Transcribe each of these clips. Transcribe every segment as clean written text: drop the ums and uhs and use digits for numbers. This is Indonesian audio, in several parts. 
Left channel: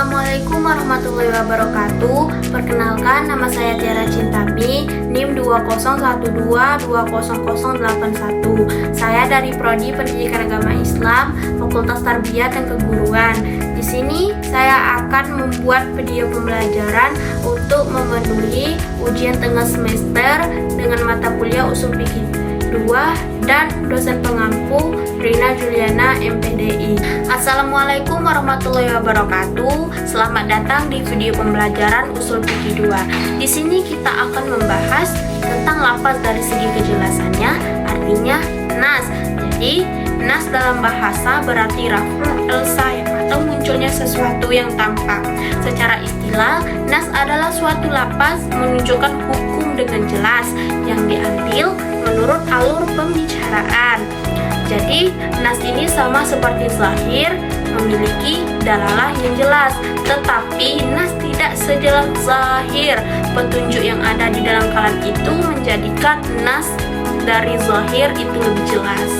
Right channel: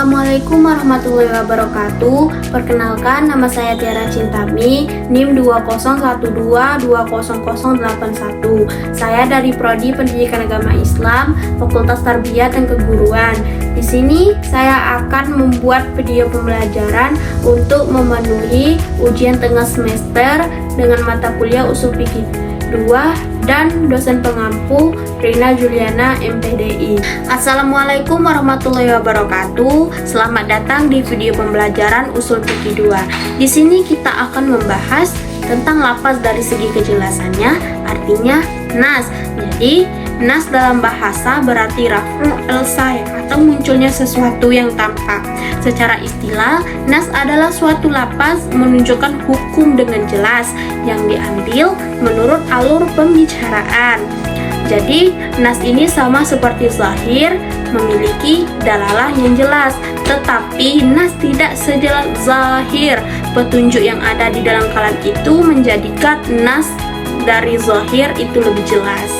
Assalamualaikum warahmatullahi wabarakatuh. Perkenalkan, nama saya Tiara Cintami, NIM 2012200081. Saya dari Prodi Pendidikan Agama Islam, Fakultas Tarbiyah dan Keguruan. Di sini saya akan membuat video pembelajaran untuk memenuhi ujian tengah semester dengan mata kuliah Ushul Fikih 2 dan dosen pengampu Rina Juliana MPDI. Assalamualaikum warahmatullahi wabarakatuh. Selamat datang di video pembelajaran Ushul Fikih 2. Di sini kita akan membahas tentang lafaz dari segi kejelasannya, artinya nas. Jadi, nas dalam bahasa berarti raf'ul al-say atau munculnya sesuatu yang tampak. Secara istilah, nas adalah suatu lafaz menunjukkan hukum dengan jelas yang diambil menurut alur pembicaraan. Jadi, nas ini sama seperti zahir, memiliki dalalah yang jelas, tetapi nas tidak sejelas zahir. Petunjuk yang ada di dalam kalam itu menjadikan nas dari zahir itu lebih jelas.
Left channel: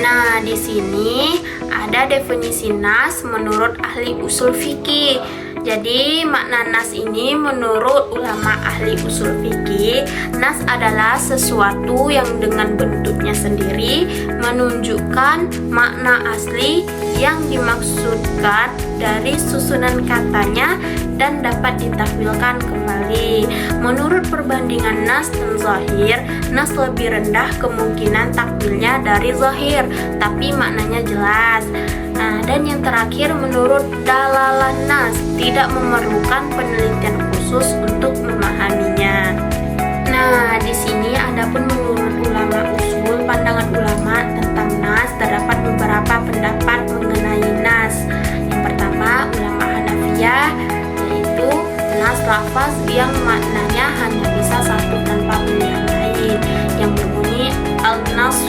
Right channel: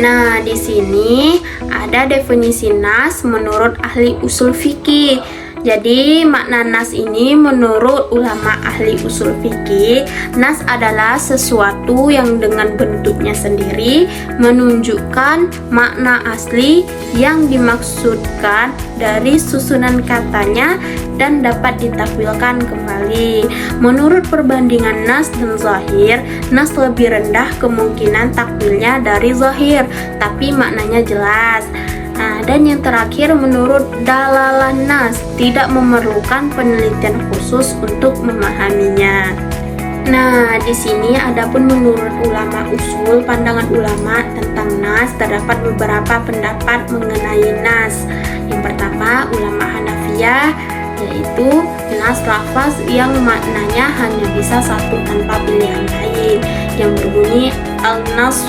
Nah, di sini ada definisi nas menurut ahli usul fikih. Jadi, makna nas ini menurut ulama ahli usul fikih, nas adalah sesuatu yang dengan bentuknya sendiri menunjukkan makna asli yang dimaksudkan dari susunan katanya dan dapat ditakwilkan kembali. Menurut perbandingan nas dan zahir, nas lebih rendah kemungkinan takwilnya dari zahir, tapi maknanya jelas. Nah, dan yang terakhir, menurut dalalah nas tidak memerlukan penelitian khusus untuk memahaminya. Nah, di sini adapun menurut ulama usul, pandangan ulama tentang nas, terdapat beberapa pendapat mengenai nas. Yang pertama, ulama Hanafiyah, yaitu nas lafaz yang maknanya hanya bisa satu tanpa pilihan lain, yang berbunyi al-nas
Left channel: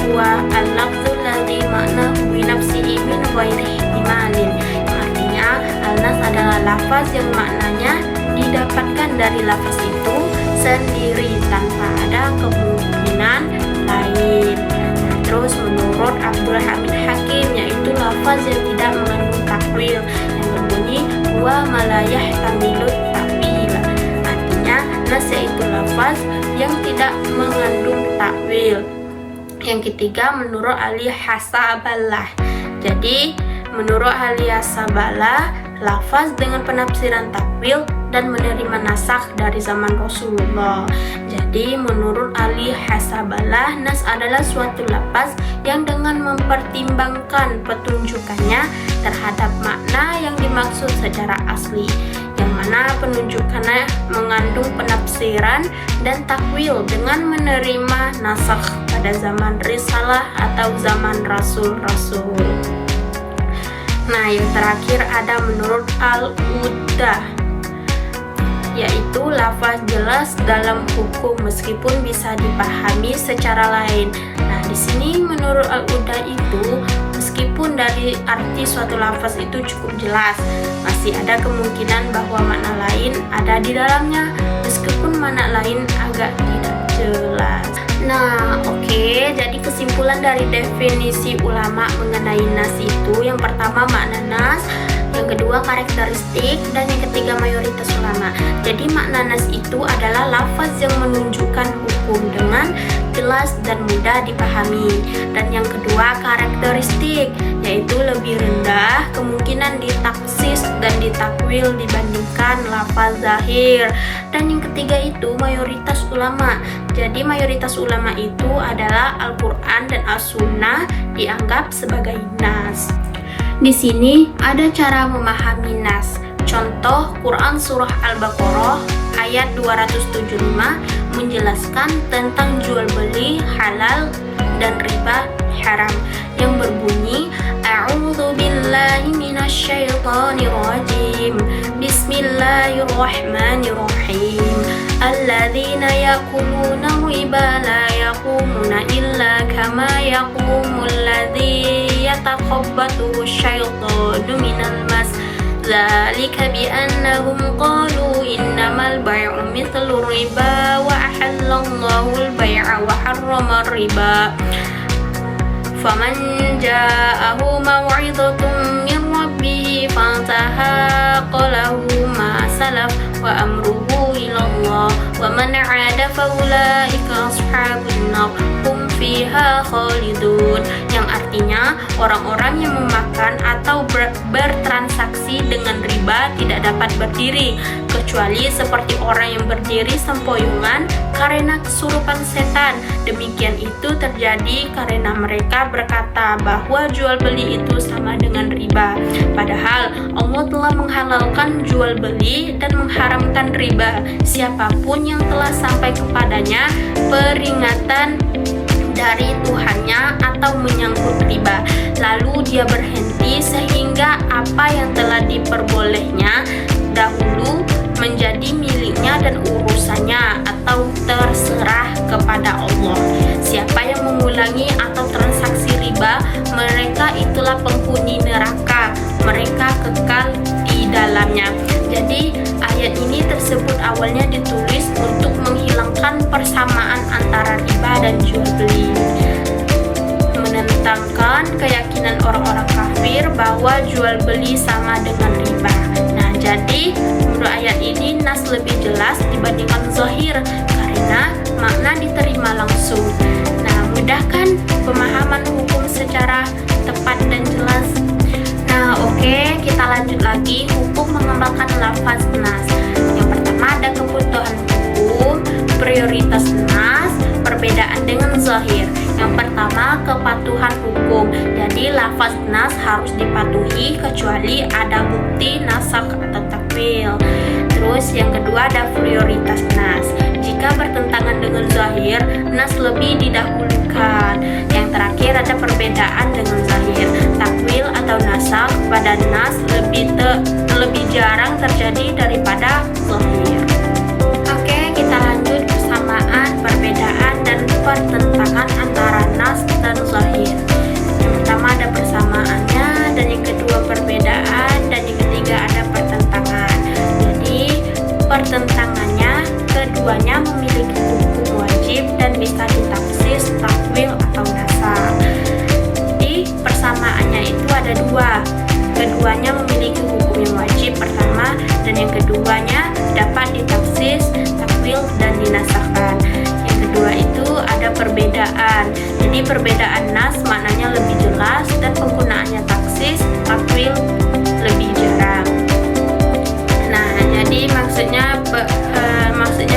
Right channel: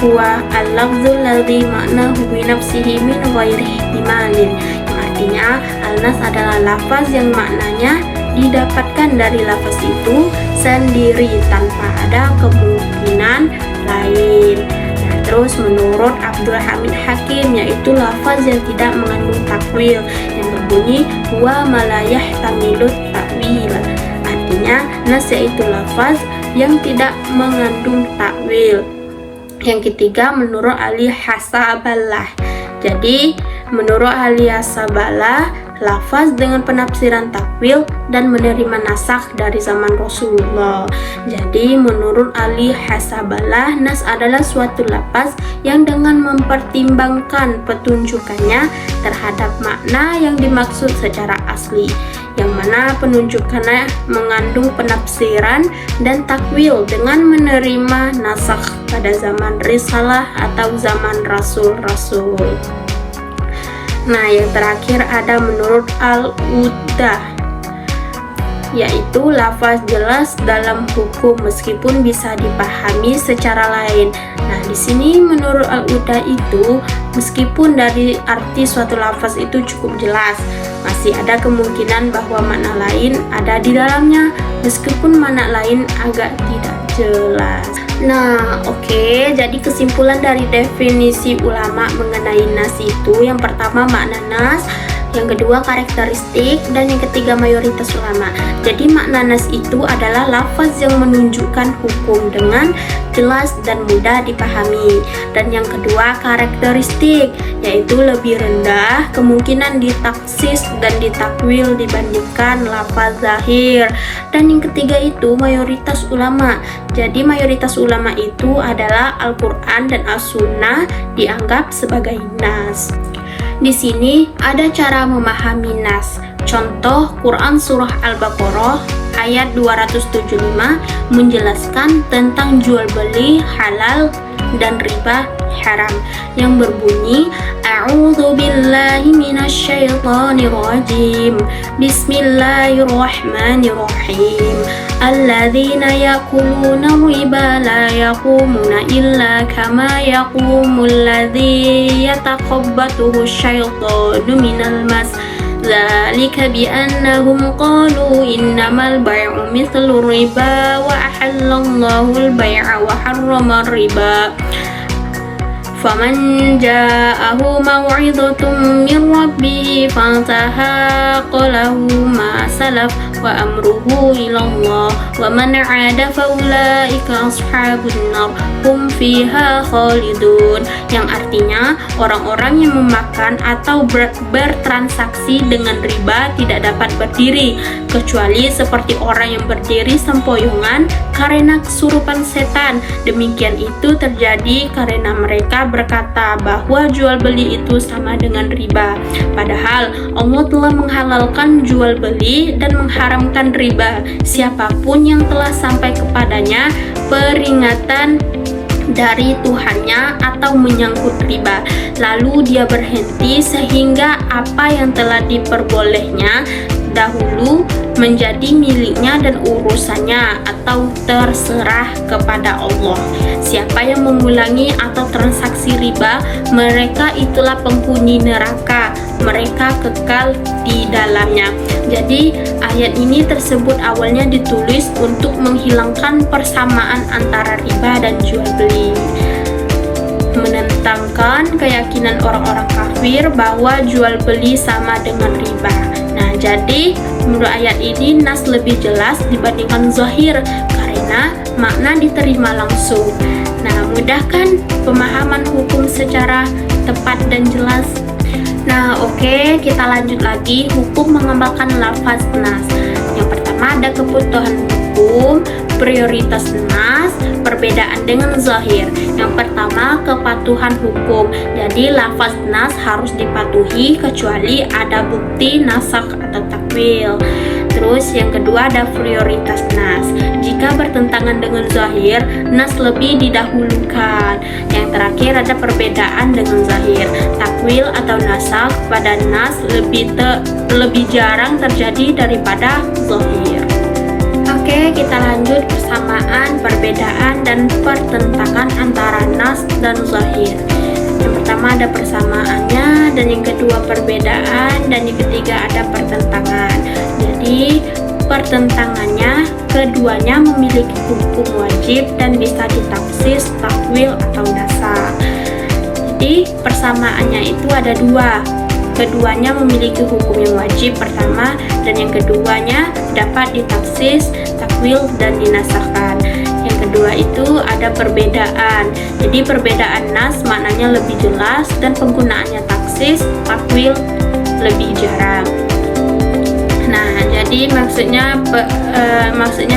huwa al-lafzul ladzi ma'nahu bi nafsihi min ghairi ihtimalin, yang artinya al-nas adalah lafaz yang maknanya didapatkan dari lafaz itu sendiri tanpa ada kemungkinan lain. Nah, terus menurut Abdul Hamid Hakim, yaitu lafaz yang tidak mengandung takwil, yang berbunyi huwa ma la yahtamilut ta'wil, artinya nas yaitu lafaz yang tidak mengandung takwil. Yang ketiga, menurut ahli hasabalah. Jadi, menurut ahli hasabalah, lafaz dengan penafsiran takwil dan menerima nasakh dari zaman Rasulullah. Jadi, menurut ahli hasabalah, nas adalah suatu lafaz yang dengan mempertimbangkan petunjukannya terhadap makna yang dimaksud secara asli, yang mana penunjukannya mengandung penafsiran dan takwil dengan menerima nasakh pada zaman risalah atau zaman rasul-rasul. Nah, yang terakhir ada menurut al-Udah, yaitu lafaz jelas dalam hukum meskipun bisa dipahami secara lain. Nah, di sini menurut al-Udah itu, meskipun dari arti suatu lafaz itu cukup jelas, masih ada kemungkinan bahwa makna lain ada di dalamnya, meskipun makna lain agak tidak jelas. Nah, oke, jadi kesimpulan dari definisi ulama mengenai nas itu, yang pertama makna nas, yang kedua karakteristik, dan yang ketiga mayoritas ulama. Jadi makna nas itu adalah lafaz yang menunjukkan hukum dengan jelas dan mudah dipahami. Dan yang kedua karakteristik, yaitu lebih rendah kemungkinan ditaksis dan ditakwil dibandingkan lafaz zahir. Dan yang ketiga itu mayoritas ulama. Jadi mayoritas ulama itu adalah Al-Quran dan As-Sunnah dianggap sebagai nas. Di sini ada cara memahami nas. Contoh, Quran surah Al-Baqarah ayat 275 menjelaskan tentang jual beli halal dan riba haram, yang berbunyi A'udzu billahi minasyaitonir rajim. Bismillahirrahmanirrahim. Alladzina yakuluna riba la yaqumuna illa kama yaqumul ladzi yatakhabbathu asyaitanu minal mas. Dzalika bi'annahum qalu innamal bai'u mithlu riba wa ahallallahu al-bai'a wa harrama riba. فمن جاءه موعظة من ربه فانتهى فله ما سلف وأمره إلى الله ومن عاد فأولئك أصحاب النار hum fiha khalidun, yang artinya orang-orang yang memakan atau bertransaksi dengan riba tidak dapat berdiri kecuali seperti orang yang berdiri sempoyongan karena kesurupan setan. Demikian itu terjadi karena mereka berkata bahwa jual beli itu sama dengan riba, padahal Allah telah menghalalkan jual beli dan mengharamkan riba. Siapapun yang telah sampai kepadanya peringatan dari Tuhannya atau menyangkut riba, lalu dia berhenti sehingga apa yang telah diperbolehnya dahulu menjadi miliknya dan urusannya atau terserah kepada Allah. Siapa yang mengulangi atau transaksi riba, mereka itulah penghuni neraka, mereka kekal di dalamnya. Jadi ayat ini tersebut awalnya ditulis untuk menghilangkan persamaan antara riba dan jual beli, menentangkan keyakinan orang-orang kafir bahwa jual beli sama dengan riba. Nah, jadi menurut ayat ini nas lebih jelas dibandingkan zahir karena makna diterima langsung. Nah, mudahkan pemahaman hukum secara tepat dan jelas. Nah, oke, kita lanjut lagi hukum mengamalkan lafaz nas. Yang pertama ada kebutuhan hukum, prioritas nas, perbedaan dengan zahir. Yang pertama kepatuhan hukum. Jadi lafaz nas harus dipatuhi kecuali ada bukti nasakh atau takwil. Terus yang kedua ada prioritas nas. Jika bertentangan dengan zahir, nas lebih didahulukan. Yang terakhir ada perbedaan dengan zahir. Takwil atau nasakh pada nas lebih jarang terjadi daripada zahir. Oke, kita lanjut persamaan, perbedaan, dan pertentangan antara nas dan zahir. Yang pertama ada persamaannya, dan yang kedua perbedaan, dan yang ketiga ada pertentangan. Jadi pertentangannya, keduanya memiliki hukum wajib dan bisa ditafsir, takwil, atau nasakh. Jadi persamaannya itu ada dua. Keduanya memiliki hukum yang wajib pertama, dan yang keduanya dapat ditafsir, takwil, dan dinasahkan. Yang kedua itu ada perbedaan. Jadi perbedaan nas maknanya lebih jelas dan penggunaannya taksis, takwil lebih jarang. Nah, jadi maksudnya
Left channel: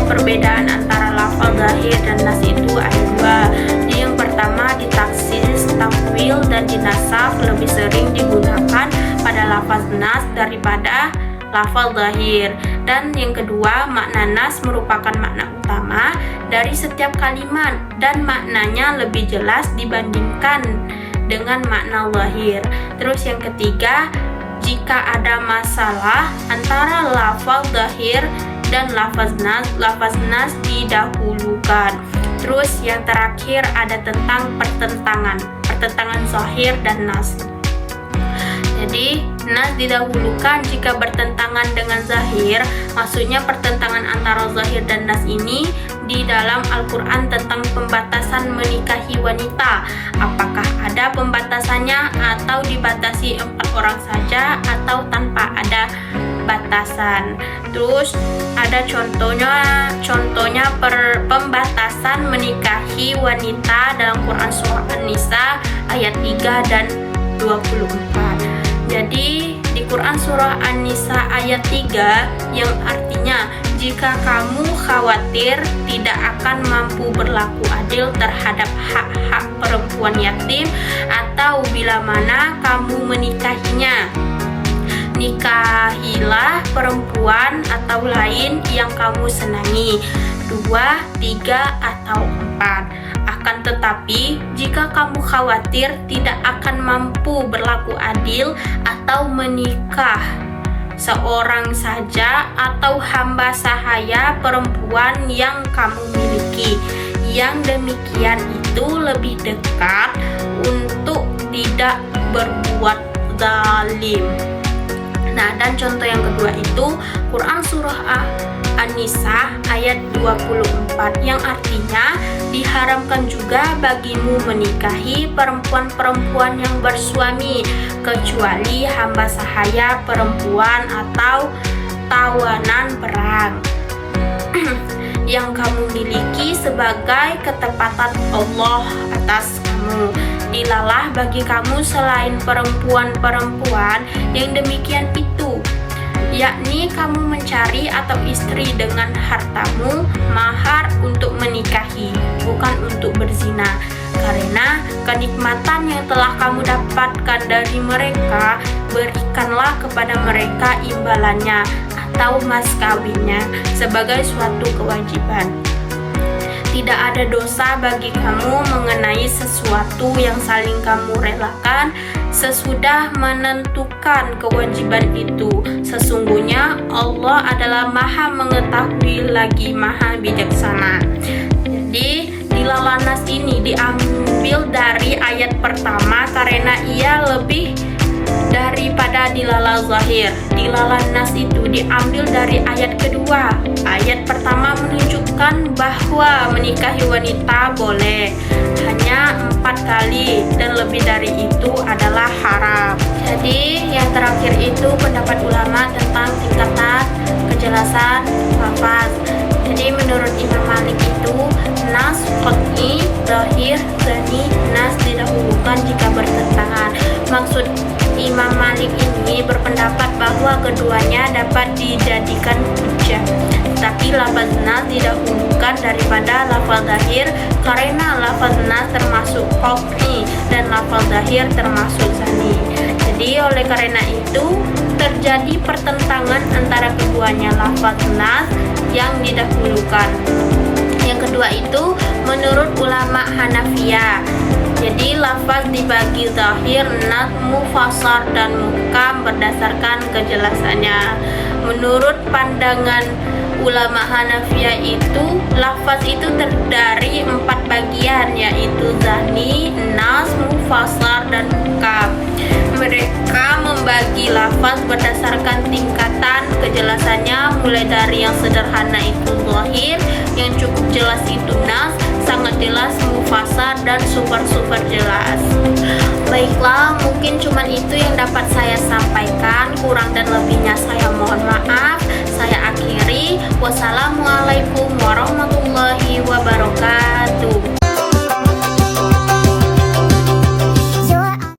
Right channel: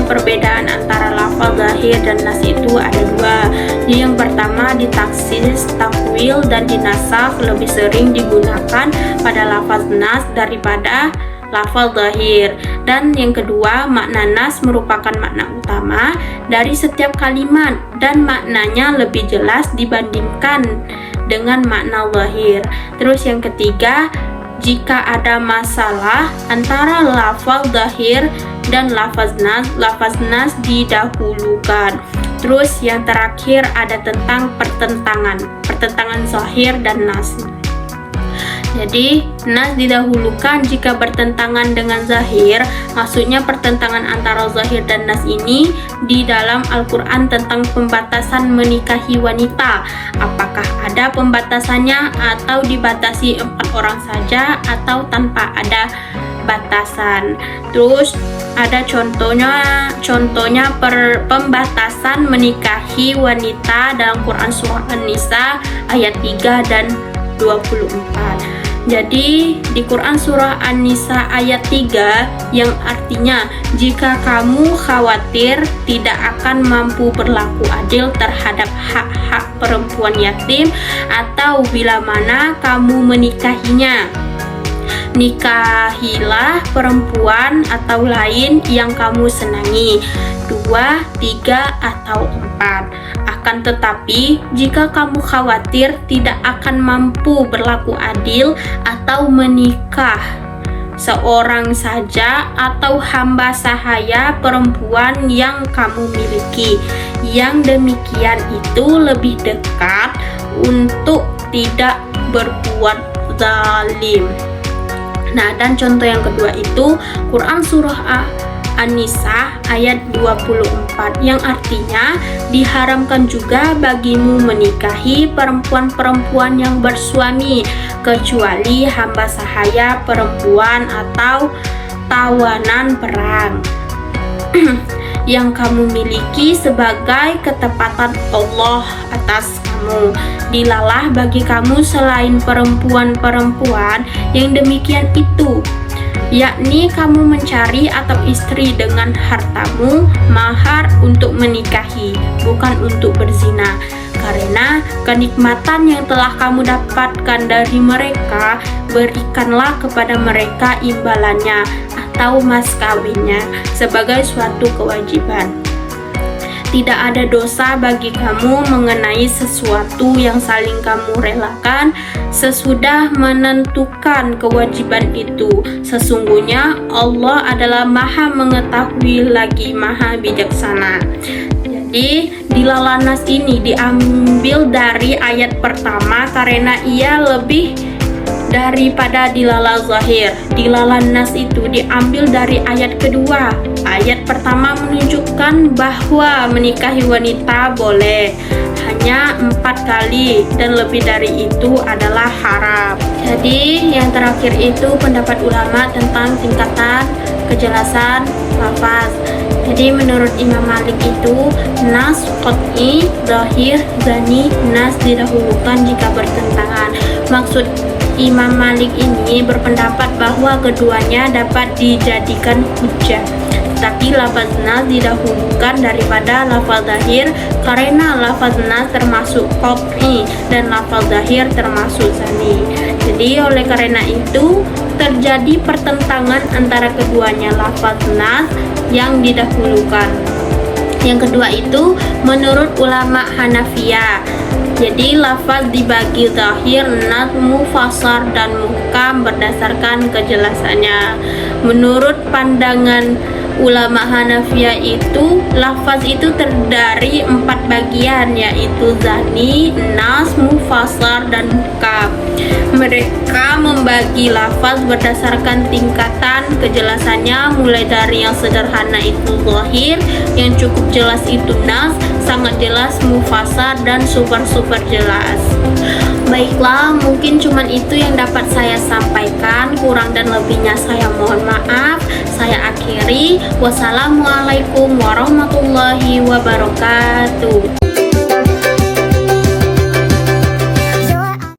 perbedaan antara lafaz zahir dan nas itu ada dua. Jadi yang pertama ditaksis, takwil, dan dinasakh lebih sering digunakan pada lafaz nas daripada lafaz zahir. Dan yang kedua, makna nas merupakan makna utama dari setiap kalimat dan maknanya lebih jelas dibandingkan dengan makna zahir. Terus yang ketiga, jika ada masalah antara lafaz zahir dan lafaz nas didahulukan. Terus yang terakhir ada tentang pertentangan zahir dan nas. Jadi nas didahulukan jika bertentangan dengan zahir, maksudnya pertentangan antara zahir dan nas ini di dalam Al-Quran tentang pembatasan menikahi wanita. Apakah ada pembatasannya atau dibatasi 4 orang saja atau tanpa ada batasan. Terus ada contohnya pembatasan menikahi wanita dalam Quran Surah An-Nisa ayat 3 dan 24. Jadi di Quran Surah An-Nisa ayat 3 yang artinya jika kamu khawatir tidak akan mampu berlaku adil terhadap hak-hak perempuan yatim atau bila mana kamu menikahinya, nikahilah perempuan atau lain yang kamu senangi, 2, 3, atau 4. Akan tetapi, jika kamu khawatir tidak akan mampu berlaku adil atau menikah seorang saja atau hamba sahaya perempuan yang kamu miliki, yang demikian itu lebih dekat untuk tidak berbuat zalim. Nah, dan contoh yang kedua itu Quran Surah An-Nisa ayat 24, yang artinya diharamkan juga bagimu menikahi perempuan-perempuan yang bersuami kecuali hamba sahaya perempuan atau tawanan perang yang kamu miliki sebagai ketepatan Allah atas kamu. Dilalah bagi kamu selain perempuan-perempuan yang demikian itu, yakni kamu mencari atau istri dengan hartamu mahar untuk menikahi, bukan untuk berzina, karena kenikmatan yang telah kamu dapatkan dari mereka, berikanlah kepada mereka imbalannya atau mas kawinnya sebagai suatu kewajiban. Tidak ada dosa bagi kamu mengenai sesuatu yang saling kamu relakan sesudah menentukan kewajiban itu. Sesungguhnya Allah adalah Maha Mengetahui lagi Maha Bijaksana. Jadi dilalah nas ini diambil dari ayat pertama karena ia lebih daripada dilalah zahir. Dilalah nas itu diambil dari ayat kedua. Ayat pertama menunjukkan bahwa menikahi wanita boleh hanya 4 kali dan lebih dari itu adalah haram. Jadi yang terakhir itu pendapat ulama tentang tingkatan kejelasan lafaz. Jadi menurut Imam Malik itu nas qat'i, zahir, zani, nas didahulukan jika bertentangan. Maksud Imam Malik ini berpendapat bahwa keduanya dapat dijadikan hujjah, tapi lafaz nas didahulukan daripada lafaz zahir karena lafaz nas termasuk qat'i dan lafaz zahir termasuk zani. Jadi oleh karena itu terjadi pertentangan antara keduanya lafaz nas yang didahulukan. Yang kedua itu menurut ulama Hanafiyah. Jadi lafaz dibagi zahir, nas, mufassar dan muhkam berdasarkan kejelasannya. Menurut pandangan ulama Hanafiyah itu lafaz itu terdiri 4 bagian, yaitu zani, nas, mufassar dan muhkam. Mereka membagi lafaz berdasarkan tingkatan kejelasannya, mulai dari yang sederhana itu zahir, yang cukup jelas itu nas, sangat jelas mufassar, dan super jelas. Baiklah, mungkin cuman itu yang dapat saya sampaikan. Kurang dan lebihnya saya mohon maaf. Saya akhiri. Wassalamualaikum warahmatullahi wabarakatuh.